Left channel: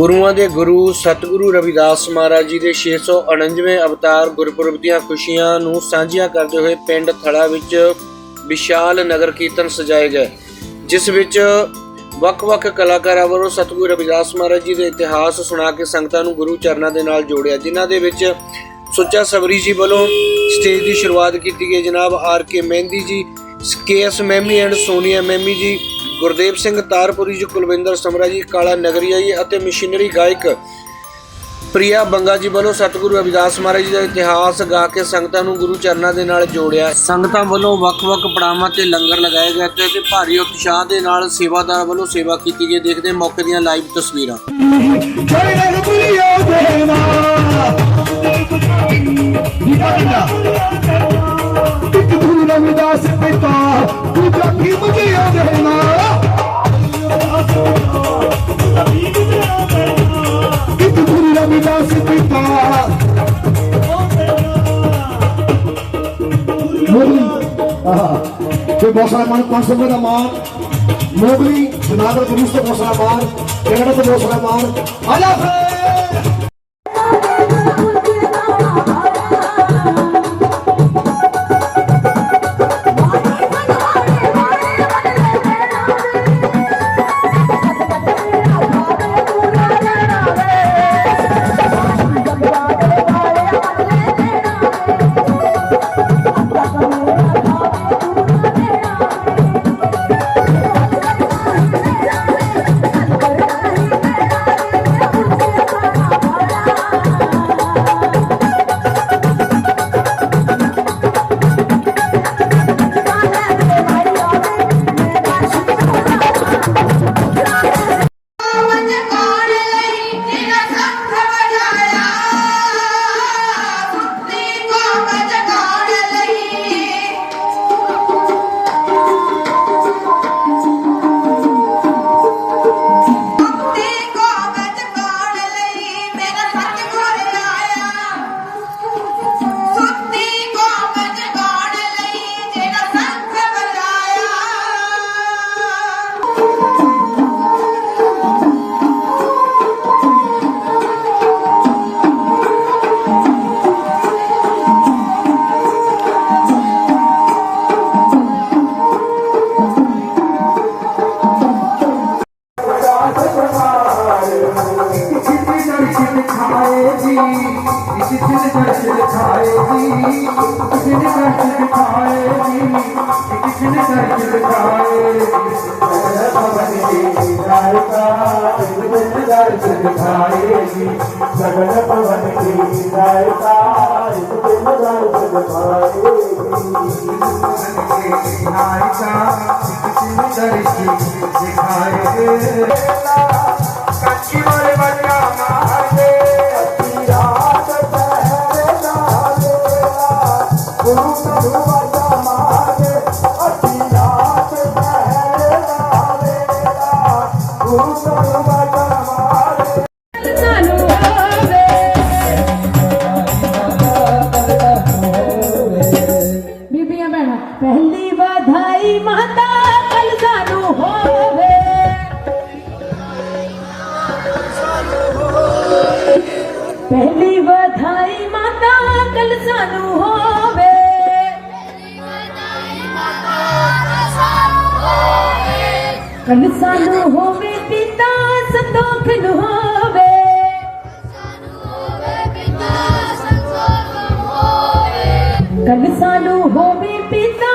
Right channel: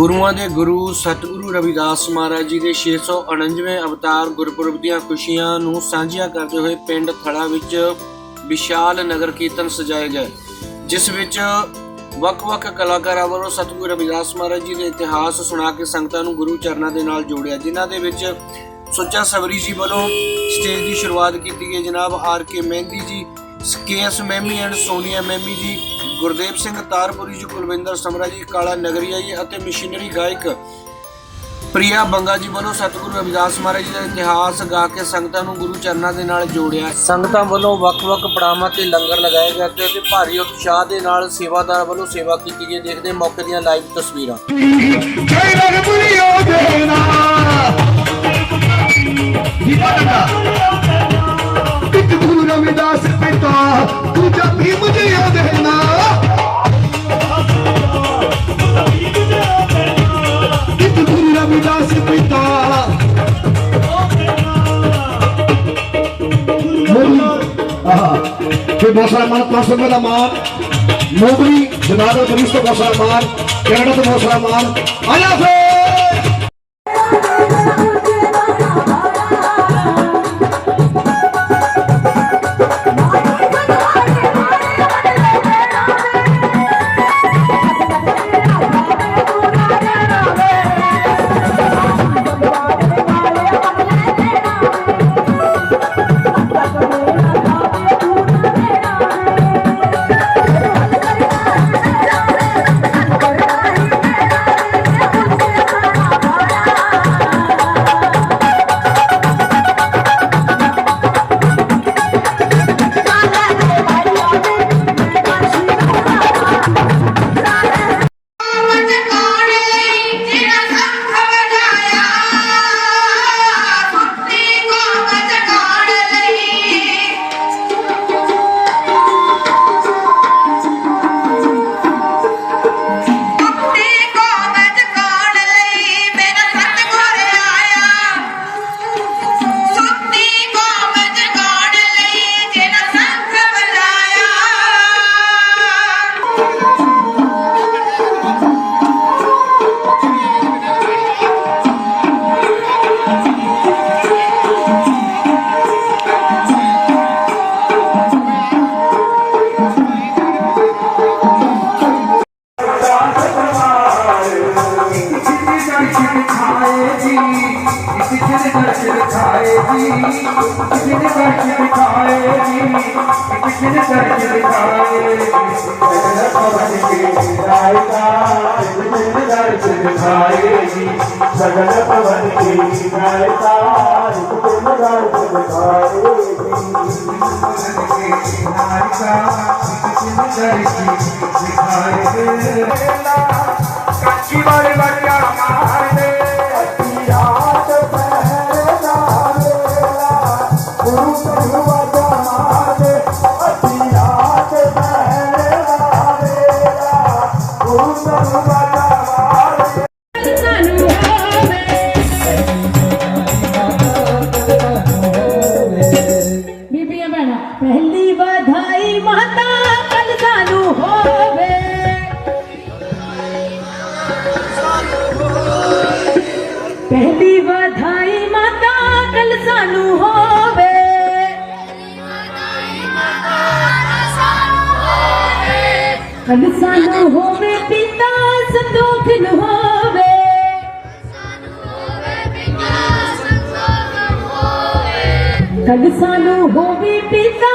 ਗੁਰੂਆਂ ਦੇ ਗੁਰੂ ਸਤਿਗੁਰੂ ਰਵਿਦਾਸ ਮਹਾਰਾਜ ਜੀ ਦੇ 649ਵੇਂ ਅਵਤਾਰ ਗੁਰਪੁਰਬ ਦੀਆਂ ਖੁਸ਼ੀਆਂ ਨੂੰ ਸਾਂਝੀਆਂ ਕਰਦੇ ਹੋਏ ਪਿੰਡ ਥੜਾ ਵਿੱਚ ਵਿਸ਼ਾਲ ਨਗਰ ਕੀਰਤਨ ਸਜਾਏ ਗਏ, ਜਿਸ ਵਿੱਚ ਵੱਖ-ਵੱਖ ਕਲਾਕਾਰਾਂ ਵੱਲੋਂ ਸਤਿਗੁਰੂ ਰਵਿਦਾਸ ਮਹਾਰਾਜ ਜੀ ਦੇ ਇਤਿਹਾਸ ਸੁਣਾ ਕੇ ਸੰਗਤਾਂ ਨੂੰ ਗੁਰੂ ਚਰਨਾਂ ਦੇ ਨਾਲ ਜੋੜਿਆ, ਜਿਨ੍ਹਾਂ ਦੇ ਵਿੱਚ ਸੁੱਚਾ ਸਬਰੀ ਜੀ ਵੱਲੋਂ ਸਟੇਜ ਦੀ ਸ਼ੁਰੂਆਤ ਕੀਤੀ ਗਈ। ਜਨਾਬ R K Mehndi ji K S ਮੈਮੀ and Sonia ਮੈਮੀ ਜੀ ਗੁਰਦੇਵ ਸਿੰਘ ਤਾਰਪੁਰੀ ਜੀ ਕੁਲਵਿੰਦਰ ਸਮਰਾ ਜੀ ਕਾਲਾ ਨਗਰੀਆ ਜੀ ਅਤੇ ਮਸ਼ੀਨਰੀ ਗਾਇਕ ਪ੍ਰਿਆ ਬੰਗਾ ਜੀ ਵੱਲੋਂ ਸਤਿਗੁਰੂ ਰਵਿਦਾਸ ਮਹਾਰਾਜ ਜੀ ਦਾ ਇਤਿਹਾਸ ਗਾ ਕੇ ਸੰਗਤਾਂ ਨੂੰ ਗੁਰੂ ਚਰਨਾਂ ਦੇ ਨਾਲ ਜੋੜਿਆ। ਸੰਗਤਾਂ ਵੱਲੋਂ ਵੱਖ-ਵੱਖ ਪੜਾਵਾਂ ਤੇ ਲੰਗਰ ਲਗਾਏ ਗਏ ਤੇ ਤੇ ਭਾਰੀ ਉਤਸ਼ਾਹ ਦੇ ਨਾਲ ਸੇਵਾਦਾਰ ਵੱਲੋਂ ਸੇਵਾ ਕੀਤੀ ਗਈ। ਦੇਖਦੇ ਮੌਕੇ ਦੀਆਂ ਲਾਈਵ ਤਸਵੀਰਾਂ। ਜੈ ਰਗਬੁਲਿਓ ਦੇਨਾ ਦੀਪਕਾ ਇੱਕ ਗੁਰੂ ਰਵਿਦਾਸ ਪਿਤਾ ਦੂਜਾ ਭੀਮ ਜੀ ਦੇਨਾ ਇੱਕ ਗੁਰੂ ਰਵਿਦਾਸ ਪਿਤਾ। ਮੋਗਲੀ ਆਹਾ। ਤੇ ਬਹੁਤ ਸਾਰਾ ਮਾਨ ਪਾਸ ਦਾ ਮਾਨ ਮੋਗਲੀ ਸਾਰਾ ਮਾਨ ਕੈਨੇਡਾ ਤੋਂ ਬਹੁਤ ਸਾਰਾ ਸਗਲ ਪਵਨ ਕੀ ਗਾਇਤਾ ਤੁਮ ਗਾਇ ਸੁਖਾਏ ਕੱਚੀ ਵਾਲੇ ਵਾਲਿਆ ਮਾਰਦੇ ਰਾਤ ਪਹਿਰੇ ਨਾਲੇ ਗੁਰੂ ਗੁਰੂ ਵਾਜਾ ਮਾਰਦੇ ਅੱਧੀ ਰਾਤ ਪਹਿਲੀ ਵਧਾਈ ਮਾਤਾ ਕੱਲ ਸਾਨੂੰ ਹੋਵੇ। ਕਲ ਸਾਨੂੰ ਹੋਵੇ ਪਿਤਾ ਸੰਤੋਖ ਨੂੰ ਹੋਵੇ। ਕੱਲ ਸਾਨੂੰ ਹੋਵੇ ਪਿਤਾ